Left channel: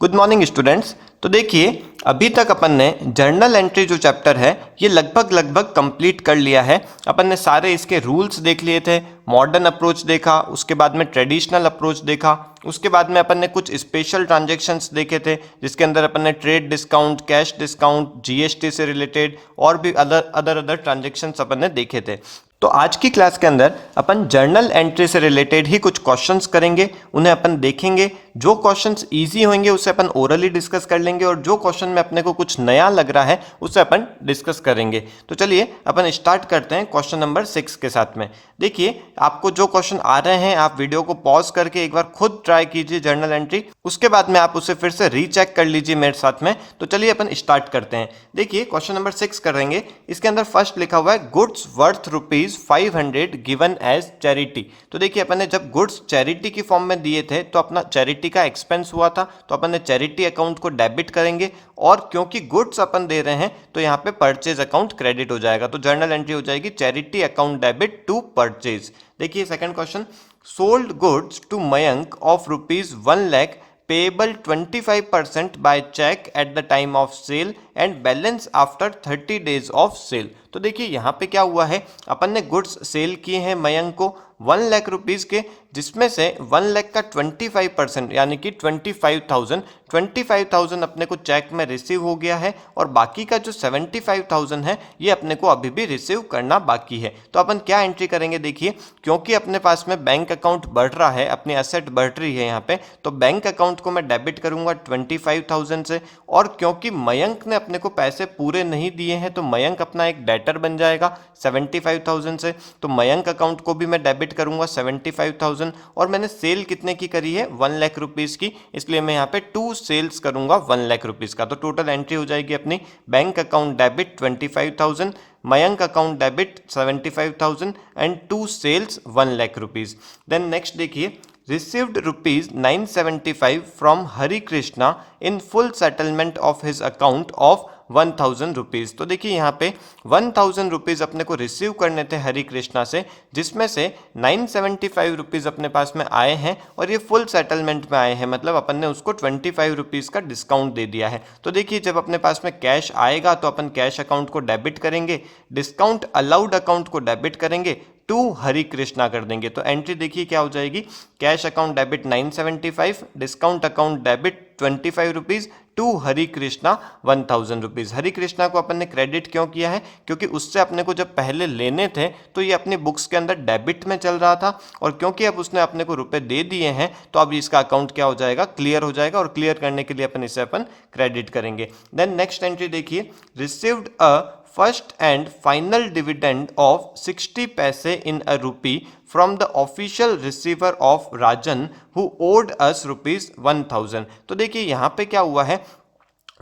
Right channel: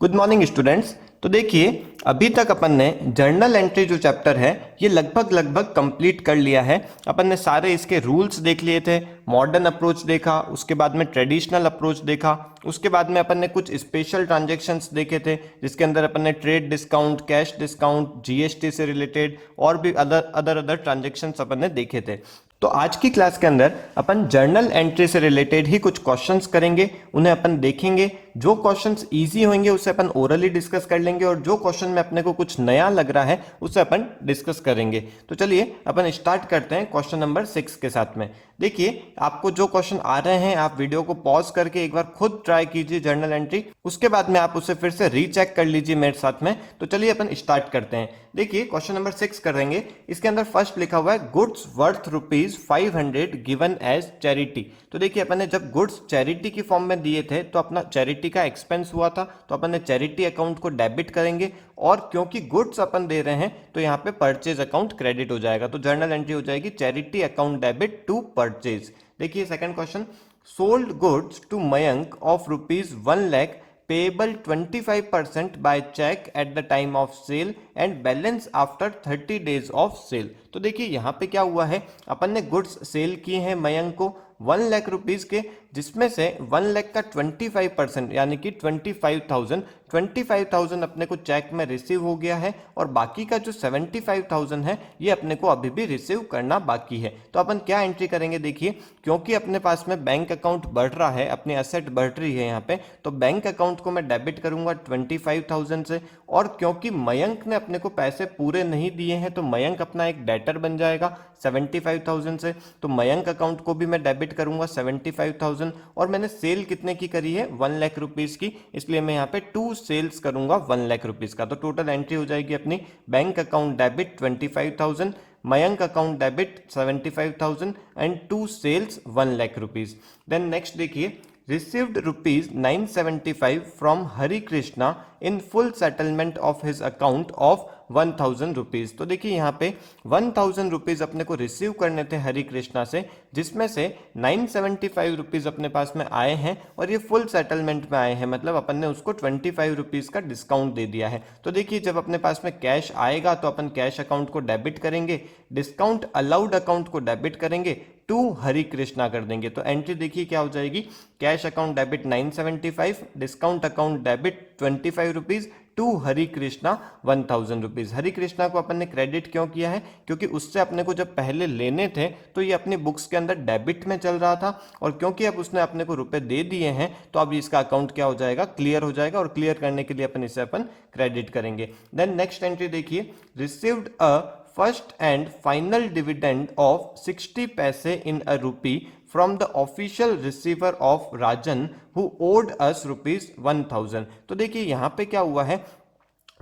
Good morning students. तो देखिए, अभी तक अपन ने जर्नल एंट्री जो चैप्टर है ये लगभग कंप्लीट कर लिया है। अपन ने सारे इसके रूल्स देख लिए थे, मॉडर्न अप्रोच देखा, उसके बाद में ट्रेडिशनल अप्रोच देखा, उसके बाद में अपन ने कुछ स्पेशल ट्रांजैक्शंस देखे थे जिसके अंदर अपन ने trade discount, cash discount, GST से रिलेटेड और भी अदर ट्रांजैक्शंस अपन ने देखे थे। तो आज की क्लास के अंदर अपन जर्नल एंट्री से रिलेटेड ही कुछ क्वेश्चंस करेंगे, उन्हें अपन देखेंगे। जो क्वेश्चंस इजी होंगे उसे अपन ओरली डिस्कस कर लेंगे और जो क्वेश्चन में अपने को कुछ नया लग रहा है उसे अपन डिस्कस करेंगे। तो चलिए अपन स्टार्ट करते हैं क्वेश्चन नंबर 6 के साथ में। देखिए, आपको जो क्वेश्चन आ रहे हैं आप वीडियो को पॉज करके एक बार खुद ट्राई कीजिए जर्नल एंट्री, उसके बाद में आप उसे फिर से रीचेक कर लीजिए मेरे साथ में। तो चलिए अपन स्टार्ट करते हैं। देखिए, क्वेश्चन नंबर 6 करेंगे। इसके अंदर फर्स्ट लिखा हुआ है goods worth ₹500 given as charity. तो देखिए, अपन ने जब गुड्स चैरिटी की फॉर्म में दिए थे तो अपना चैरिटी का एक्सपेंस हुआ था, तो अपन ने चैरिटी अकाउंट को डेबिट करेंगे और क्योंकि गुड्स अपन दे रहे हैं तो यहाँ पे परचेज अकाउंट क्रेडिट हो जाएगा। तो जर्नल एंट्री हो जाएगी charity account debit to purchase. देखिए second question, sold goods to Mayank of ₹1 lakh payable 25% by check at the time of sale and balance after 30 days of sale। तो देखिए यहाँ पे क्या हुआ है, अपन ने गुड्स सेल किए हैं मयंक को 1 लाख रुपीज के, जिसमें से 1 लाख का 25% यानी कि 25,000 अपने को चेक में रिसीव हो गया है और बाकी का जो 75,000 है ये अपने को अभी भी रिसीव करना बाकी है। तो अपन क्या एंट्री करेंगे, देखिए क्योंकि अपने पास में बैंक अकाउंट बढ़ रहा है, अपनी एसेट बढ़ रही है यहाँ पे, तो बैंक अकाउंट को मैं डेबिट करूंगा 25,000 से। और क्योंकि मयंक ने अपने को पैसे पूरे नहीं दिए हैं तो मयंक अपना एक डेटर बन जाएगा 75,000 से, तो मयंक अकाउंट को भी मैं डेबिट करूंगा 75,000। और मैंने सेल कितने की करी है, 1 लाख रुपीज की, इसलिए मैं यहाँ पे 2 सेल्स करूंगा 1 लाख रुपीज का। तो टोटल एंट्री हो जाएगी अपनी bank account debit 25,000, Mayank account debit 75,000 and 2 sales 1 lakh rupees. Then next देखिए, received ₹975 from Hari Krishna in full settlement of his account of 1,000 rupees. तो देखिए यहाँ पे 1,000 रुपीज़ अपने को रिसीव करने थे हरि कृष्णा से, जिसमें से 975 रुपीज़ अपने पास में आए हैं और ये फुल सेटलमेंट में आए हैं, मतलब अपन ने उसको 25 रुपीज़ का डिस्काउंट दे दिया है। तो देखिए जब अपने पास में कैश आएगा तो अपन कैश अकाउंट को डेबिट करेंगे, डिस्काउंट अलाउड अकाउंट को डेबिट करेंगे, टू हरि कृष्णा कर देंगे। तो एंट्री देखिए क्या हो जाएगी, cash account debit 975, discount account debit 25 rupees, to Hari Krishna 1,000 rupees. Hari Krishna को अपन ने क्रेडिट क्यों किया है, क्योंकि उससे अपने को जब पहले लेने थे तो ये अपनी बुक्स के अंदर डेबिट में चल रहा था और क्योंकि अब उसने अपने को रुपए दे दिए हैं तो अब इसका अकाउंट क्या हो जाएगा, क्लियर हो जाएगा और क्लियर करने के लिए अपन इसे क्रेडिट करेंगे। देन नेक्स्ट एंट्री देखिए, received a first and final dividend of 60 paise in a rupee from the official receiver of Rajan who owed us ₹1,000। तो देखिए यहाँ पे क्या हुआ है,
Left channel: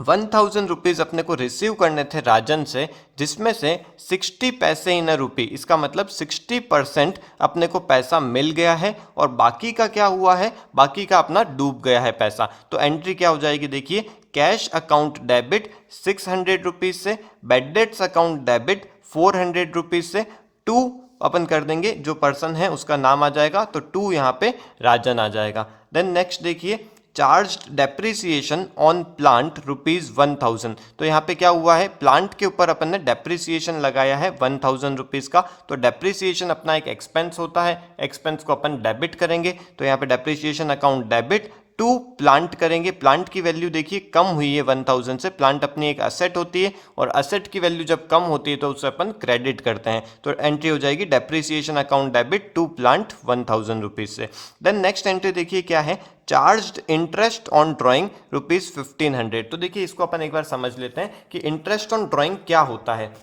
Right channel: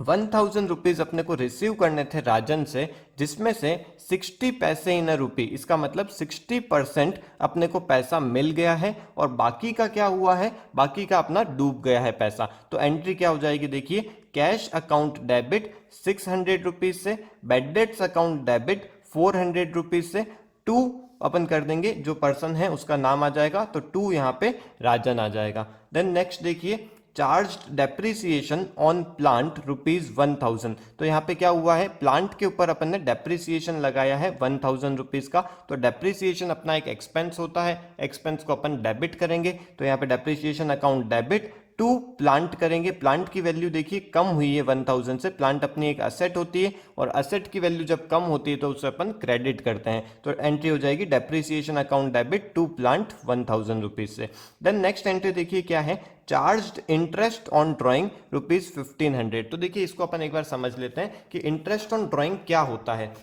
1,000 रुपीज़ अपने को रिसीव करने थे राजन से, जिसमें से 60 पैसे इन अ रुपी, इसका मतलब 60% अपने को पैसा मिल गया है और बाकी का क्या हुआ है, बाकी का अपना डूब गया है पैसा। तो एंट्री क्या हो जाएगी, देखिए कैश अकाउंट डेबिट 600 रुपीज़ से, bad debts account debit 400 rupees से, 2 अपन कर देंगे, जो पर्सन है उसका नाम आ जाएगा तो 2 यहाँ पे राजन आ जाएगा। देन नेक्स्ट देखिए, चार्ज डेप्रिसिएशन ऑन प्लांट ₹1,000। तो यहाँ पे क्या हुआ है, प्लांट के ऊपर अपन ने डेप्रिसिएशन लगाया है 1,000 रुपीज़ का। तो डेप्रिसिएशन अपना एक एक्सपेंस होता है, एक्सपेंस को अपन डेबिट करेंगे, तो यहाँ पे depreciation account debit to plant करेंगे। प्लांट की वैल्यू देखिए कम हुई है 1,000 से, प्लांट अपनी एक असेट होती है और असेट की वैल्यू जब कम होती है तो उसे अपन क्रेडिट करते हैं। तो एंट्री हो जाएगी depreciation account debit to plant 1,000 rupees से। देन नेक्स्ट एंट्री देखिए क्या है, चार्ज्ड इंटरेस्ट ऑन ड्राइंग ₹1,500। तो देखिए इसको अपन एक बार समझ लेते हैं कि इंटरेस्ट ऑन ड्राइंग क्या होता है।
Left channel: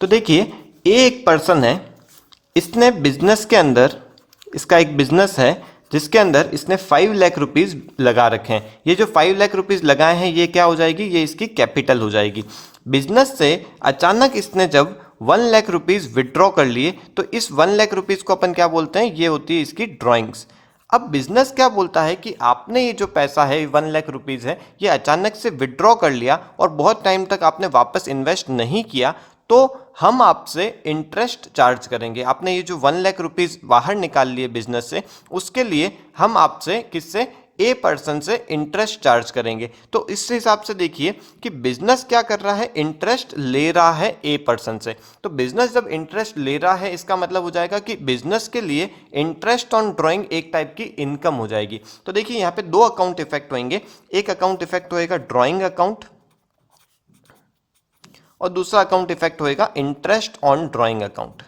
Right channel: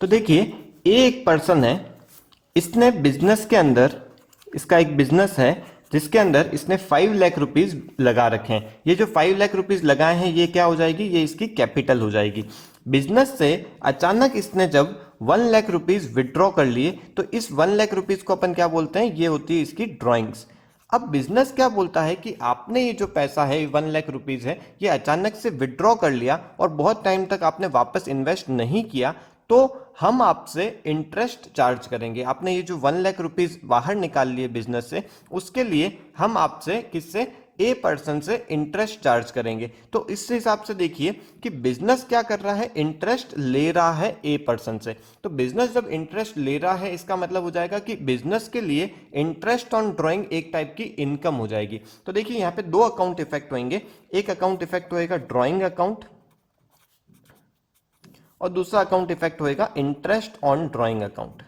तो देखिए एक पर्सन है, इसने बिजनेस के अंदर, इसका एक बिजनेस है जिसके अंदर इसने 5 लाख रुपीज़ लगा रखे हैं। ये जो 5 लाख रुपीज़ लगाए हैं ये क्या हो जाएगी, ये इसकी कैपिटल हो जाएगी। बिजनेस से अचानक इसने जब 1 लाख रुपीज़ विड्रॉ कर लिए तो इस 1 लाख रुपीज़ को अपन क्या बोलते हैं, ये होती है इसकी ड्राइंग्स। अब बिजनेस क्या बोलता है कि आपने ये जो पैसा है 1 लाख रुपीज़ है ये अचानक से विड्रॉ कर लिया और बहुत टाइम तक आपने वापस इन्वेस्ट नहीं किया, तो हम आपसे इंटरेस्ट चार्ज करेंगे। आपने ये जो 1 लाख रुपीज़ बाहर निकाल लिए बिजनेस से, उसके लिए हम आपसे किससे ए पर्सन से इंटरेस्ट चार्ज करेंगे। तो इस हिसाब से देखिए कि बिजनेस क्या कर रहा है, इंटरेस्ट ले रहा है ए पर्सन से। तो बिजनेस जब इंटरेस्ट ले रहा है इसका मतलब हो जाएगा कि बिजनेस के लिए इंटरेस्ट ऑन ड्राइंग एक टाइप की इनकम हो जाएगी। तो देखिए यहाँ पे दो अकाउंट इफेक्ट होंगे, एक अकाउंट इफेक्ट होएगा ड्राइंग अकाउंट और दूसरा अकाउंट इफेक्ट होएगा इंटरेस्ट ऑन ड्राइंग अकाउंट।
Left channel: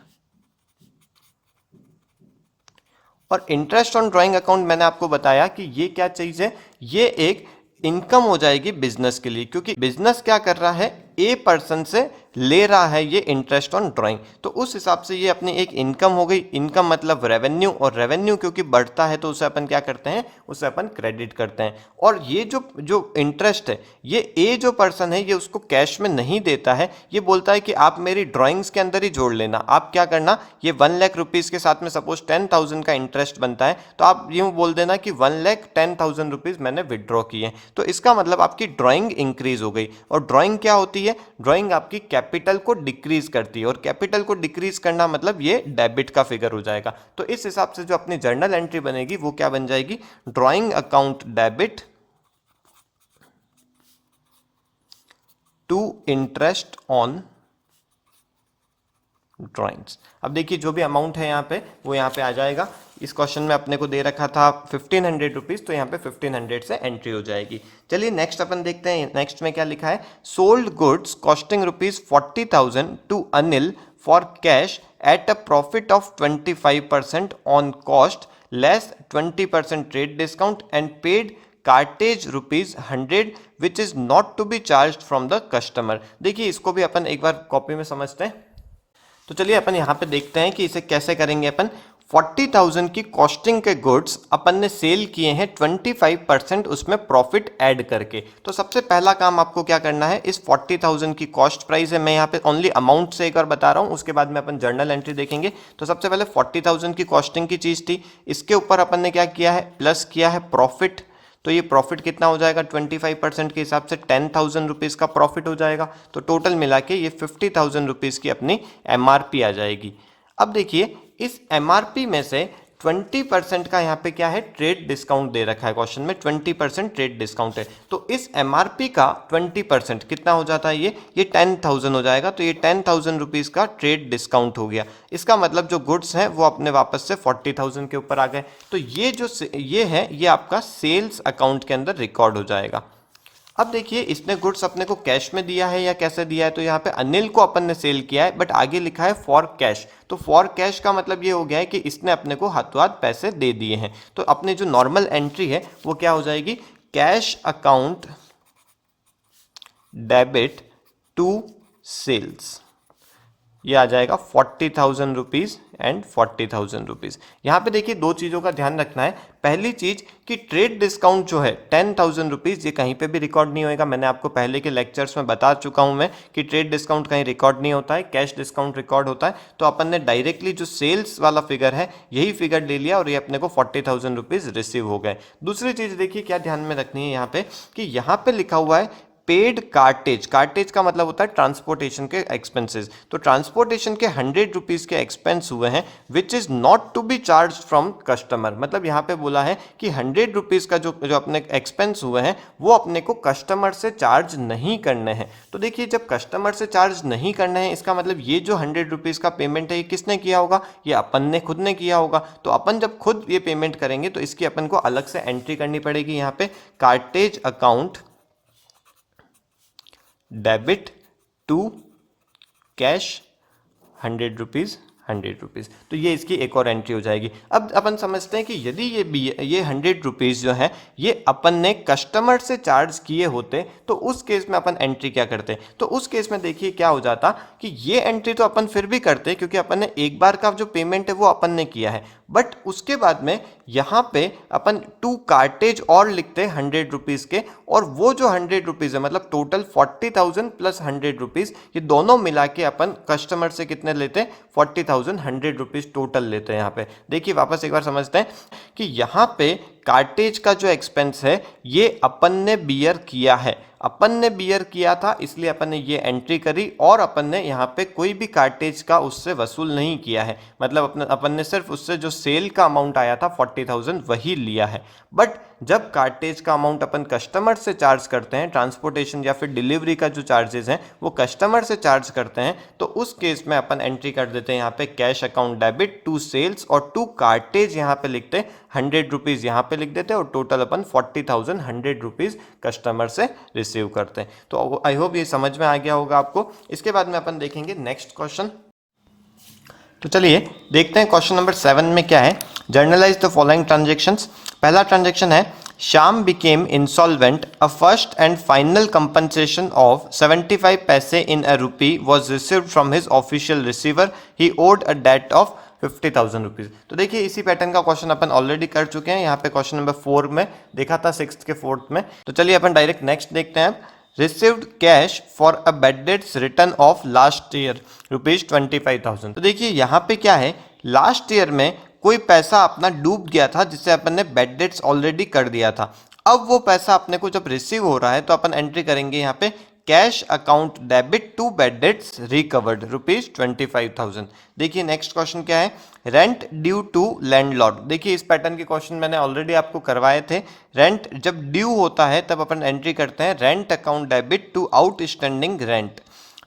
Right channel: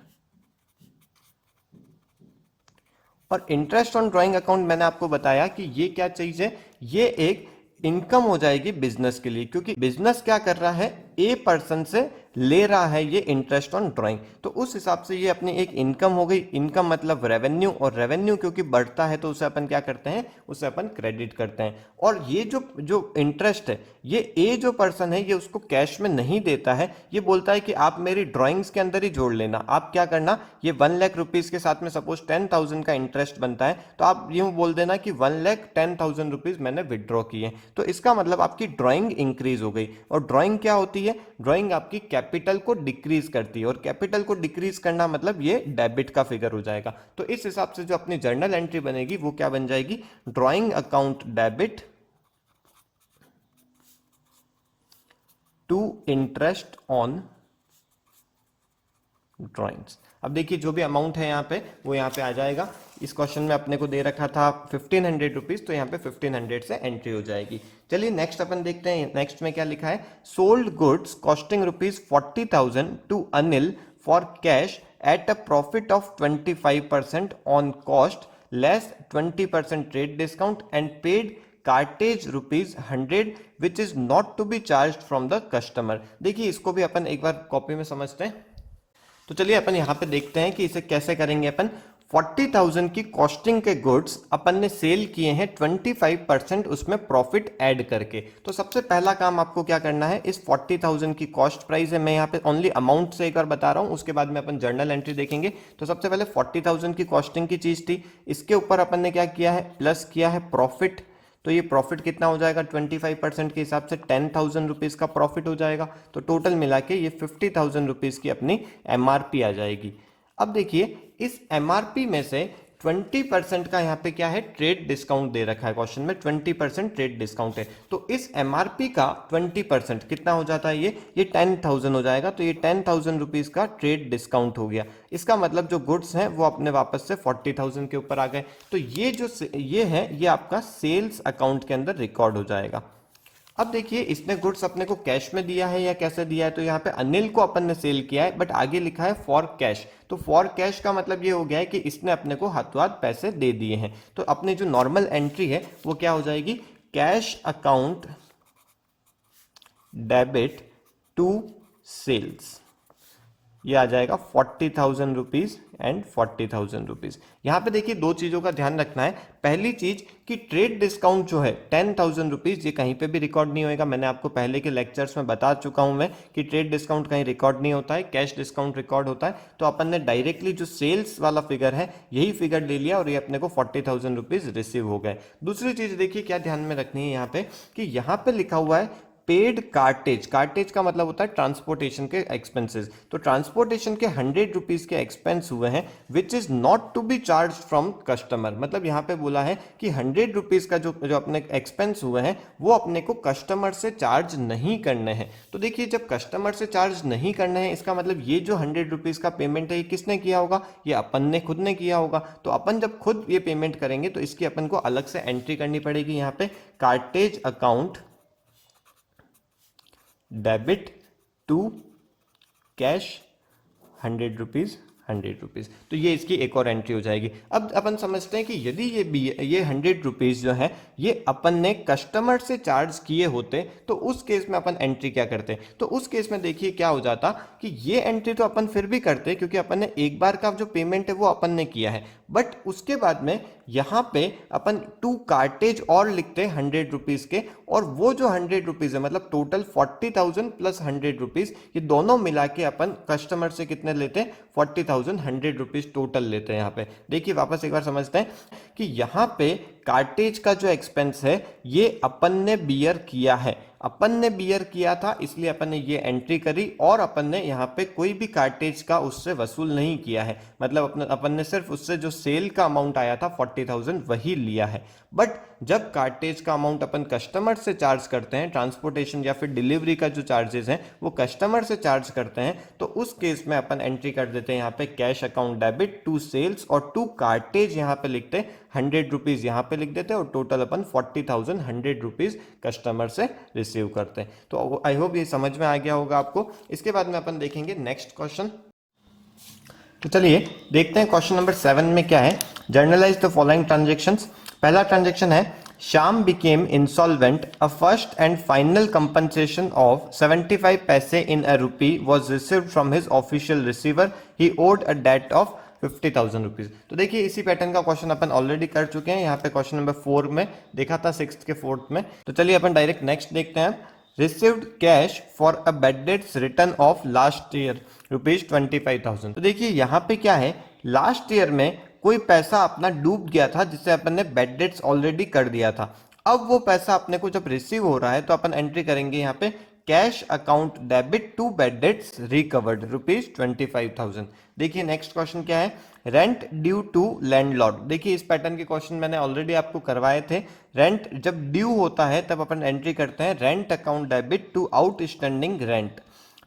और इंटरेस्ट ऑन ड्राइंग अकाउंट मैंने आपको बताया कि ये क्या चीज है, ये एक इनकम हो जाएगी बिजनेस के लिए, क्योंकि बिजनेस क्या कर रहा है, ए पर्सन से ले रहा है ये इंटरेस्ट ऑन ड्राइंग। तो उस हिसाब से ये अपनी एक इनकम हो गई। इनकम मतलब रेवेन्यू, और रेवेन्यू क्योंकि बढ़ता है तो उसे अपन क्या करते हैं, उसे अपन क्रेडिट करते हैं। और ये जो इंटरेस्ट है, ये ए जो पर्सन है ये उसको कैश में नहीं देता है, ये बोलता है कि आप मेरी ड्राइंग्स के अंदर ही जोड़ लेना। आप क्या करना, ये 1 लाख रुपीज के साथ में सपोज 10,000 का इंटरेस्ट बनता है, तो आप यूं बोल देना कि 1,10,000 रुपीज मैंने विड्रॉ किए। तो इसका मतलब आपकी ड्राइंग इंक्रीज हो गई। और ड्राइंग क्या होती है, ड्राइंग आपकी कैपिटल को डिक्रीज करती है, और कैपिटल को डिक्रीज करना मतलब ये डेबिट का फिगर हो जाएगा। तो इस हिसाब से जो अपनी जर्नल एंट्री बनेगी वो क्या बन जाएगी, drawing account debit to interest on drawings. अब देखिए जो भी अमाउंट है यहाँ पे वो यहाँ पे आ जाएगा। इस क्वेश्चन में अपने को दे रखा था 1500 रुपीज, तो यहाँ पे 1500 से एंट्री हो जाएगी। चलिए नेक्स्ट अपन देखते हैं, नेक्स्ट में क्या लिखा है, sold goods costing rupees 40,000 to Anil for cash at a profit of 25% on cost less 20% trade discount and paid cartage rupees 100 which is not to be charge from the customer. देखिए इसको भी अपन एक बार कॉपी में समझते हैं। तो चलिए अपन यहाँ पे देखते हैं कि इसे कैसे करेंगे। अपन 40,000 की कॉस्टिंग के गुड्स अपन ने सेल किए हैं 25% उसमें प्रॉफिट ऐड करके। तो सबसे पहला काम आपको क्या करना है, इस 40,000 की कॉस्ट प्राइस है, मैं यहाँ पे ओनली अमाउंट से एक बार बता रहा हूँ, उसके बाद में अपन जर्नल एंट्री देखेंगे। तो सबसे पहले 40,000 की कॉस्टिंग की चीज थी, इसके ऊपर अपन ने क्या किया है, प्लस किया है प्रॉफिट। तो ये प्रॉफिट कितना हो जाएगा, 25% के हिसाब से 10,000 रुपीज का प्रॉफिट हो जाएगा। तो टोटल मिला के ये 50,000 रुपीज की अपनी एमआरपी आ जाएगी। अब देखिए इस एमआरपी में से 20% का यहाँ पे क्या है, ट्रेड डिस्काउंट दे रखा है क्वेश्चन में, 20% ट्रेड डिस्काउंट है। तो इस एमआरपी का 20% कितना हो जाता है, ये 10,000 हो जाएगा। तो ये 10,000 रुपीज का ट्रेड डिस्काउंट हो गया। इसका मतलब जो गुड्स हैं वो अपने वापस से 40,000 के ऊपर आ गए। तो ये है, ये आपका सेल्स अकाउंट के अंदर रिकॉर्ड हो जाएगा। अब देखिए इसने गुड्स अपने को कैश में दिया है या कैसे दिया है, तो यहाँ पे अनिल को अपन ने सेल किया है, बट आगे लिखा है फॉर कैश। तो फॉर कैश का मतलब ये हो गया है कि इसने अपने को हाथों हाथ पैसे दे दिए हैं। तो अपने जो नॉर्मल एंट्री है वो क्या हो जाएगी, cash account debit to sales. ये आ जाएगा 40,000 रुपीज एंड 40,000 रुपीज। यहाँ पे देखिए दो चीज़ों का ध्यान रखना है। पहली चीज कि ट्रेड डिस्काउंट जो है 10,000 रुपीज, ये कहीं पे भी रिकॉर्ड नहीं होएगा। मैंने आपको पहले के लेक्चर्स में बता चुका हूं मैं कि ट्रेड डिस्काउंट कहीं रिकॉर्ड नहीं होता है, कैश डिस्काउंट रिकॉर्ड होता है। तो अपन ने डायरेक्टली जो सेल्स वाला फिगर है यही फिगर ले लिया और ये अपने को 40,000 रुपीज रिसीव हो गए। दूसरी चीज देखिए क्या ध्यान में रखनी है यहाँ पे, कि यहाँ पे लिखा हुआ है पेड कार्टेज। कार्टेज का मतलब होता है ट्रांसपोर्टेशन के एक्सपेंसेस। तो ट्रांसपोर्टेशन के 100 रुपीज के एक्सपेंस हुए हैं which is not to be charge from customer. मतलब यहाँ पे बोला है कि 100 रुपीज का जो अपने एक्सपेंस हुए हैं वो अपने को कस्टमर से चार्ज नहीं करने हैं। तो देखिए जब कस्टमर से चार्ज नहीं करने हैं, इसका मतलब ये जो 100 रुपीज का पेमेंट है ये किसने किया होगा, ये अपन ने खुद ने किया होगा। तो अपन जब खुद ये पेमेंट करेंगे तो इसकी अपन को अलग से एंट्री करनी पड़ेगी यहाँ पे, cartage account debit to cash 100 rupees 100 rupees. तो ये इसकी एक और एंट्री हो जाएगी। अब अपन समझते हैं कि यदि ये 100 रुपीज जो है ये अपन ने कस्टमर से चार्ज किए होते तो उस केस में अपन एंट्री क्या करते। तो उस केस में देखिए क्या हो जाता कि ये एंट्री तो अपन फिर भी करते क्योंकि अपन ने एक बार का जो पेमेंट है वो अपन ने किया है, बट उसके बाद में यहाँ पे अपन 2 कार्टेज और लिखते 100 रुपीज के, और वो जो 100 रुपीज है मतलब टोटल 40,000 प्लस 100 रुपीज, ये दोनों मिला के अपन कस्टमर से कितने लेते, 40,000 100 रुपीज टोटल लेते हैं। यहाँ पे देखिए वापस एक बार समझते हैं कि यहाँ पे कार्टेज का जो एक्सपेंस है ये अपन ने बियर किया है, अपन ने बियर किया था, इसलिए अपन ने ये एंट्री करी और अपन ने यहाँ पे कोई भी कार्टेज का उससे वसूल नहीं किया है। मतलब अपन ने सिर्फ उससे जो सेल का अमाउंट आया था 40,000 वही लिया है। बट जब कार्टेज का अमाउंट अपन कस्टमर से चार्ज करते हैं, ट्रांसपोर्टेशन या फिर डिलीवरी का जो चार्जेस हैं वो कस्टमर से चार्ज करते हैं, तो उस केस में अपन एंट्री कर देते हैं यहाँ पे cash account debit to sales और टू कार्टेज यहाँ पे लिखते हैं 100 रुपीज़ यहाँ पे लिख देते हैं और टोटल अपन 40,000 100 रुपीज़ कस्टमर से रिसीव करते हैं। तो आई होप ये समझ में आ गया होगा आपको। इसके बाद में अपन देखेंगे नेक्स्ट क्वेश्चन। तो चलिए देखते हैं क्वेश्चन नंबर 7 में क्या है। Journalise the following transactions. पहला ट्रांजेक्शन है Shyam became insolvent, a first and final compensation of 75 paise in a rupee was received from his official receiver, he owed a debt of 50,000 rupees. तो देखिए इसी पैटर्न का question अपन already कर चुके हैं, यहाँ पे क्वेश्चन नंबर 4 में देखा था, 6th के 4th में। तो चलिए अपन डायरेक्ट नेक्स्ट देखते हैं। Received cash for a bad debts return of last year ₹25,000। तो देखिए यहाँ पे क्या है, लास्ट ईयर में कोई पैसा अपना डूब गया था जिससे अपन ने बैड डेट्स ऑलरेडी कर दिया था। अब वो पैसा अपने को जब रिसीव हो रहा है तो अपन एंट्री करेंगे यहाँ पे cash account debit to bad debts recovered ₹25,000। देखिए नेक्स्ट क्वेश्चन क्या है, रेंट ड्यू टू लैंडलॉर्ड। देखिए इस पैटर्न के क्वेश्चन मैंने ऑलरेडी आपको करवाए थे। रेंट जब ड्यू होता है तब अपन एंट्री करते हैं rent account debit to outstanding rent.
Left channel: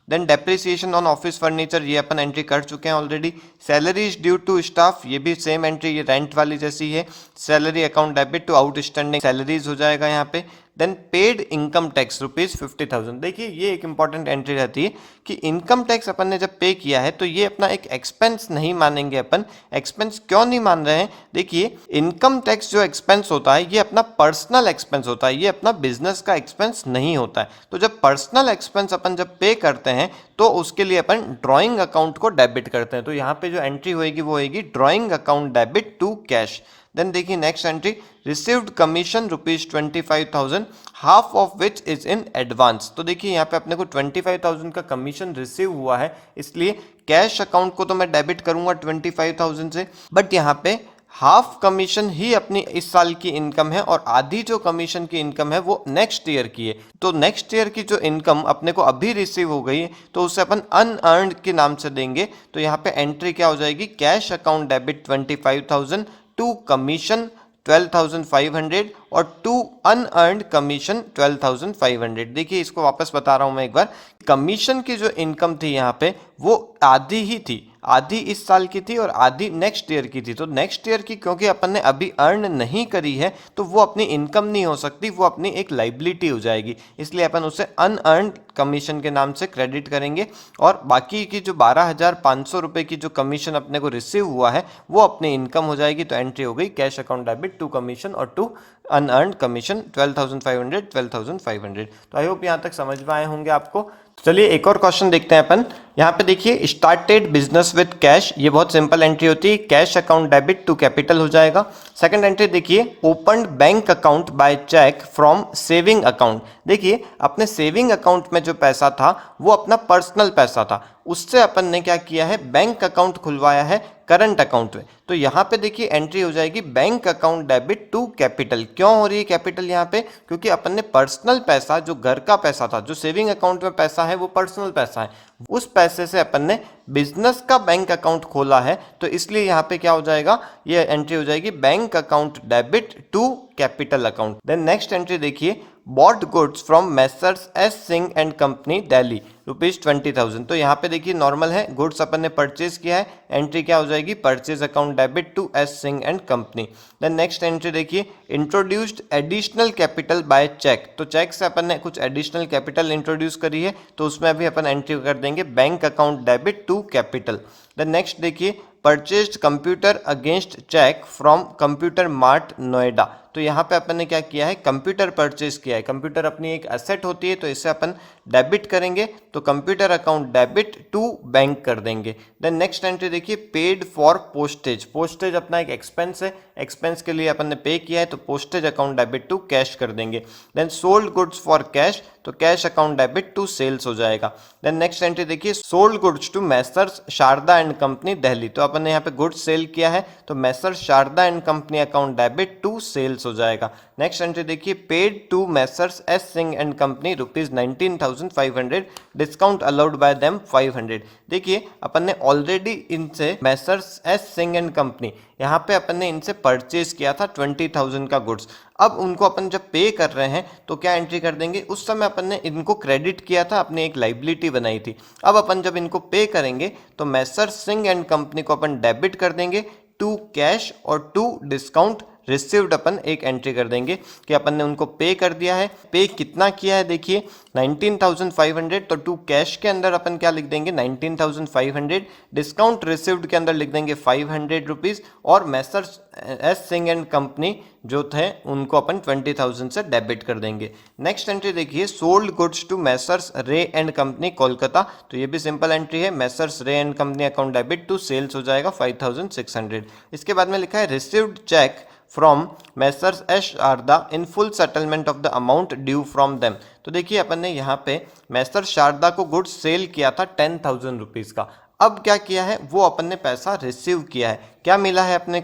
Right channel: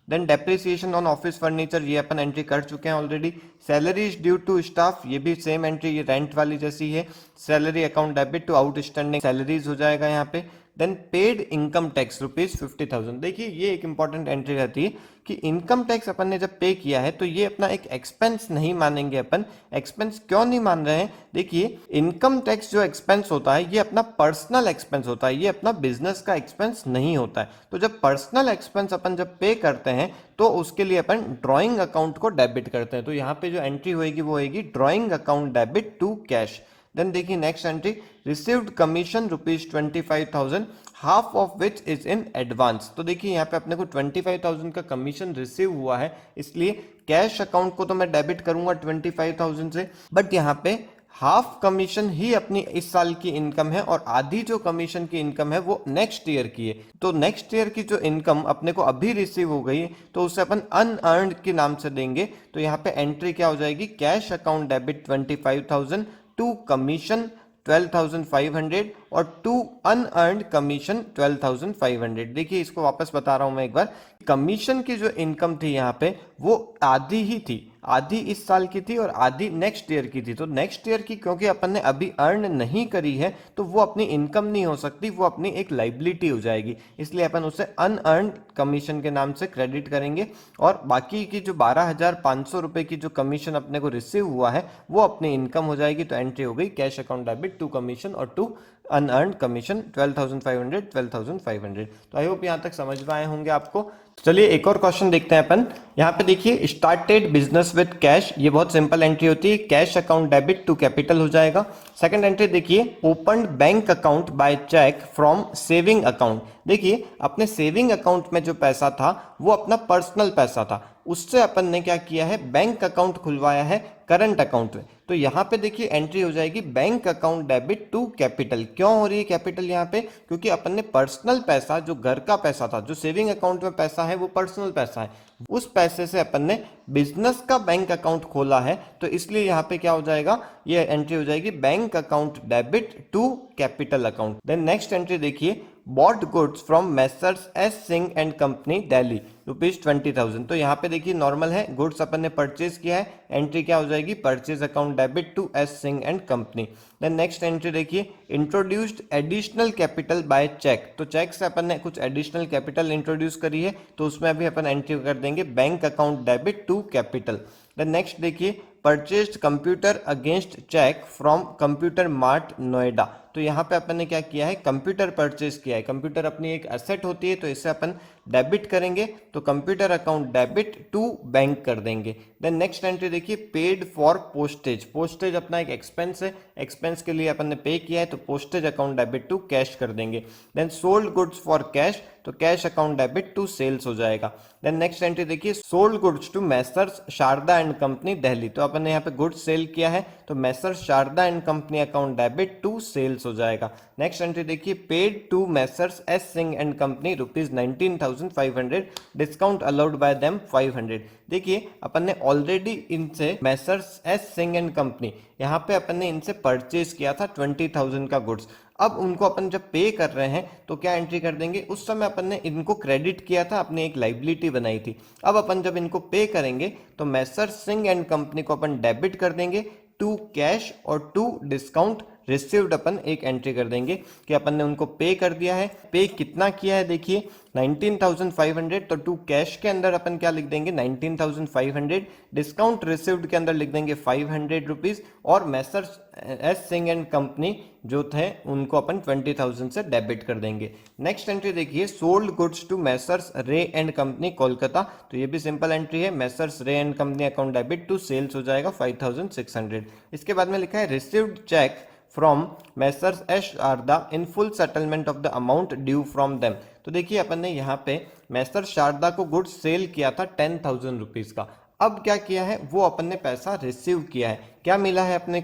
Then depreciation on office furniture, ये अपन एंट्री कर चुके हैं already. Salaries due to staff, ये भी सेम एंट्री, ये रेंट वाली जैसी है। Salary account debit to outstanding salaries हो जाएगा यहाँ पे। Then paid income tax ₹50,000। देखिए ये एक इंपॉर्टेंट एंट्री रहती है कि इनकम टैक्स अपन ने जब पे किया है तो ये अपना एक एक्सपेंस नहीं मानेंगे अपन। एक्सपेंस क्यों नहीं मान रहे हैं, देखिए इनकम टैक्स जो एक्सपेंस होता है ये अपना पर्सनल एक्सपेंस होता है, ये अपना बिजनेस का एक्सपेंस नहीं होता है। तो जब पर्सनल एक्सपेंस अपन जब पे करते हैं तो उसके लिए अपन ड्रॉइंग अकाउंट को डेबिट करते हैं। तो यहाँ पे जो एंट्री होगी वो होगी drawing account debit to cash. Then देखिए next entry, received commission ₹25,000, half of which is in advance. तो देखिए यहाँ पे अपने को 25,000 का कमीशन रिसीव हुआ है, इसलिए कैश अकाउंट को तो मैं डेबिट करूंगा 25,000 से, बट यहाँ पे हाफ कमीशन ही अपनी इस साल की इनकम है और आधी जो कमीशन की इनकम है वो नेक्स्ट ईयर की है। तो नेक्स्ट ईयर की जो इनकम अपने को अभी रिसीव हो गई तो उसे अपन अनअर्न्ड के नाम से देंगे। तो यहाँ पे एंट्री क्या हो जाएगी, cash account debit 25,000 to commission 12,500 और टू अनअर्न्ड कमीशन 12,500। देखिए इसको वापस बता रहा हूं मैं एक बार, कमीशन की जो इनकम थी यहाँ पे वो आधी ही थी, आधी इस साल की थी और आधी नेक्स्ट ईयर की थी। तो नेक्स्ट ईयर की क्योंकि अपन ने अभी अर्न नहीं करी है तो वो अपनी इनकम नहीं हो सकती, वो अपनी एक लाइबिलिटी हो जाएगी, इसलिए अपन उसे अनअर्न्ड कमीशन के नाम से क्रेडिट करेंगे। और बाकी की जो 12,500 रुपये की जो कमीशन अपने को रिसीव हुआ है वो अपनी इनकम हो जाएगी। तो एंट्री हो गई cash account debit to commission और टू अनअर्न्ड कमीशन 12,500। तो आई होप यहाँ तक समझ में आए होंगे आपको। चलिए एक और क्वेश्चन देखते हैं अपन। यहाँ पे देखिए स्टार्टेड बिजनेस विद कैश, ये बहुत सिंपल एंट्री होती है, cash account debit to capital हो जाएगा। सेकंड एंट्री देखिए open bank account by cheque from saving account. देखिए अपने सेविंग अकाउंट में जो पैसा था वो अपना पर्सनल पैसा था, उससे अपन ने क्या किया है, बैंक अकाउंट खुलवाया है करंट अकाउंट में। तो यहाँ पे देखिए एंट्री हो जाएगी bank account debit to capital. क्यों हो रही है कैपिटल यहाँ पे, क्योंकि अपन ने पर्सनल पैसा, जो घर का पैसा था, जो सेविंग अकाउंट में पैसा है वो पर्सनल पैसा है, उस पैसे से अपन ने बिजनेस का बैंक अकाउंट खोला है, तो इसलिए यहाँ पे क्या हो जाएगा, ये एंट्री हो जाएगी bank account debit to capital account. Then next entry देखिए bought goods from messrs S Singh and company Delhi ₹20,000। तो यहाँ पे देखिए नॉर्मल है, गुड्स अपन ने परचेज किया है, एंट्री क्या हो जाएगी purchase account debit to S Singh and company. Then next entry देखिए introduced additional capital by cheque. तो चेक से अपन ने कुछ एडिशनल कैपिटल इंट्रोड्यूस करी है, तो उसमें भी अपन एंट्री कर देंगे bank account debit to capital. Then next देखिए purchased computer against cheque from computer mart Noida. तो यहाँ पे अपन ने क्या किया है, कंप्यूटर परचेज किया है। कंप्यूटर अपनी एक एसेट होती है, तो इससे अपन डेबिट करेंगे, तो computer account debit to bank कर देंगे। देन नेक्स्ट एंट्री देखिए पेड फॉर पोस्टेज। पोस्टेज अपना एक एक्सपेंस है, एक्सपेंस के लिए अपन ने पे किया है, तो postage account debit to cash कर देंगे। Then sold goods for cash, तो cash account debit to sales हो जाएगा। देन नेक्स्ट एंट्री देखिए sold goods to messrs Sharda and company Delhi. तो अपन ने यहाँ पे गुड्स सेल किया है, तो messrs Sharda and company account debit to sales sales हो जाएगा। नेक्स्ट एंट्री देखिए, paid to messrs S Singh and company ₹19,500, discount allowed by them 500। देखिए अपन ने ऑलरेडी इनसे messrs S Singh and company, यहाँ पे अपन ने इनसे परचेज किया था 20,000 का गुड्स। अब उनको अपन जब पे कर रहे हैं तो क्या एंट्री कर देंगे, उस समय अपन ने इनको क्रेडिट किया था, अपनी एक लाइबिलिटी बनाई थी। अब अपन जब इनको पे करेंगे तो मेसर्स सिंह एंड कंपनी को अपन डेबिट कर देंगे टू कैश और टू डिस्काउंट रिसीव्ड अपन एक एंट्री कर देंगे कि अपन ने उनको पे कर दिया है। पे कितना किया है देखिए 19,500, तो टू कैश के अंदर अपन क्या लिख देंगे 19,500, डिस्काउंट रिसीव्ड के अंदर लिख देंगे 500 रुपीज, और messrs S Singh and company जो थे उनको अपन 20,000 से डेबिट कर देंगे। नेक्स्ट एंट्री देखिए, sold goods to messrs Ray and company Kolkata, तो ये भी सिंपल एंट्री है, messrs Ray and company account debit to sales हो जाएगा 5,600। इसके बाद में लिखा है received cheque from messrs S Sharda in full settlement of the amount due from them. तो देखिए अपन ने यहाँ पे मेसर्स शारदा को गुड्स सेल किया था 10,000 रुपीज का। अब क्या किया है, वो अपन ने पैसा रिसीव किया है। क्या मिला है अपने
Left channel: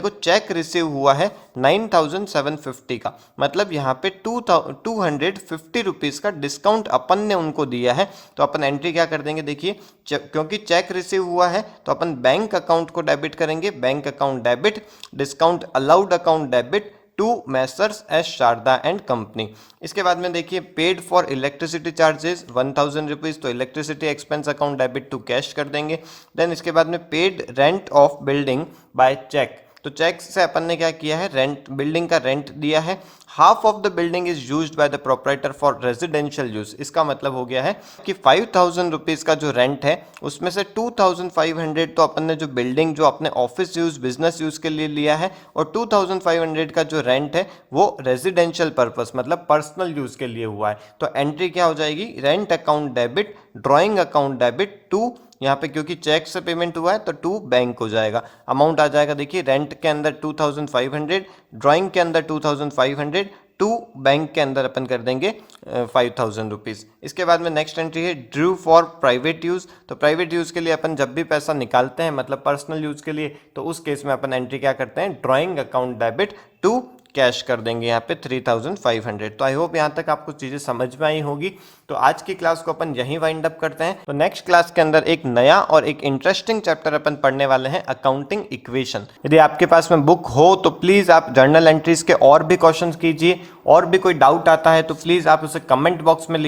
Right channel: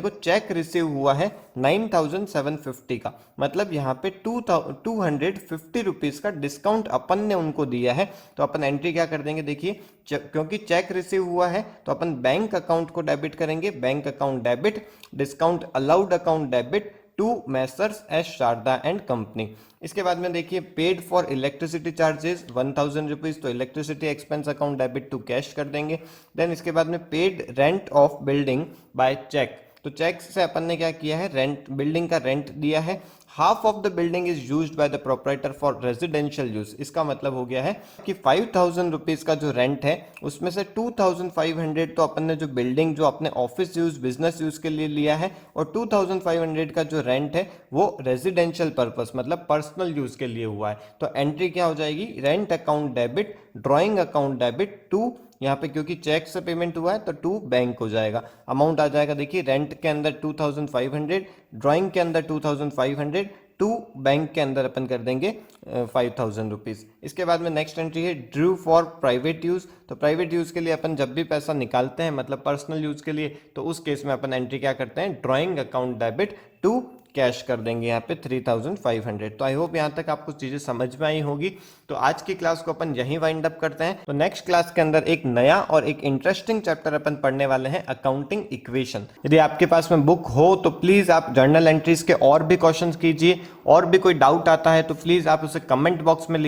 को चेक रिसीव हुआ है 9,750 का, मतलब यहाँ पे 250 रुपीज का डिस्काउंट अपन ने उनको दिया है। तो अपन एंट्री क्या कर देंगे देखिए, क्योंकि चेक रिसीव हुआ है तो अपन बैंक अकाउंट को डेबिट करेंगे, bank account debit, discount allowed account debit to messrs S Sharda and company. इसके बाद में देखिए, paid for electricity charges 1,000 rupees, तो electricity expense account debit to cash कर देंगे। देन इसके बाद में paid rent of building by cheque, तो चेक से अपन ने क्या किया है, रेंट, बिल्डिंग का रेंट दिया है। Half of the building is used by the proprietor for residential use, इसका मतलब हो गया है कि 5,000 रुपीज का जो रेंट है उसमें से 2,500 तो अपन ने जो बिल्डिंग जो अपने ऑफिस यूज, बिजनेस यूज के लिए लिया है, और 2,500 का जो रेंट है वो रेजिडेंशियल पर्पस मतलब पर्सनल यूज के लिए हुआ है। तो एंट्री क्या हो जाएगी, rent account debit, drawing account debit to, यहाँ पे क्योंकि चेक से पेमेंट हुआ है तो टू बैंक हो जाएगा। अमाउंट आ जाएगा देखिए, रेंट के अंदर 2,500, ड्राइंग के अंदर 2,500, टू बैंक के अंदर अपन कर देंगे 5,000 रुपीज। इसके बाद में नेक्स्ट एंट्री है ड्रू फॉर प्राइवेट यूज, तो प्राइवेट यूज के लिए अपन जब भी पैसा निकालते हैं मतलब पर्सनल यूज के लिए, तो उस केस में अपन एंट्री क्या करते हैं, drawing account debit to cash कर देंगे यहाँ पे 3,500। तो आई होप यहाँ तक आपको चीजें समझ में आई होगी। तो आज की क्लास को अपन यहीं वाइंड अप करते हैं। तो नेक्स्ट क्लास के अंदर एक नया और एक इंटरेस्टिंग चैप्टर अपन पढ़ने वाले हैं, अकाउंटिंग इक्वेशन। यदि आपके पास में बुक हो तो प्लीज आप जर्नल एंट्रीज के और भी क्वेश्चंस कीजिए, और भी कोई डाउट आता है तो प्लीज आप उसे कमेंट बॉक्स में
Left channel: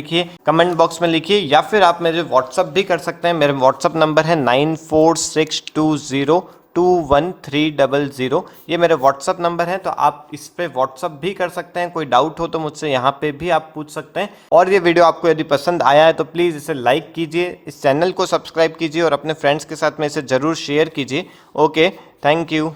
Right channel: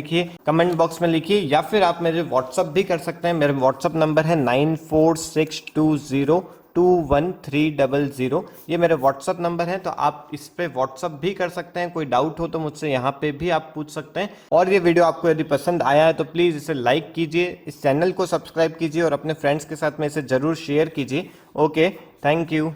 लिखिए, या फिर आप मेरे व्हाट्सअप भी कर सकते हैं। मेरे व्हाट्सअप नंबर है 9462021300, ये मेरे व्हाट्सअप नंबर है, तो आप इस पे व्हाट्सअप भी कर सकते हैं। कोई डाउट हो तो मुझसे यहाँ पे भी आप पूछ सकते हैं। और ये वीडियो आपको यदि पसंद आया है तो प्लीज़ इसे लाइक कीजिए, इस चैनल को सब्सक्राइब कीजिए और अपने फ्रेंड्स के साथ में इसे ज़रूर शेयर कीजिए। Okay, thank you.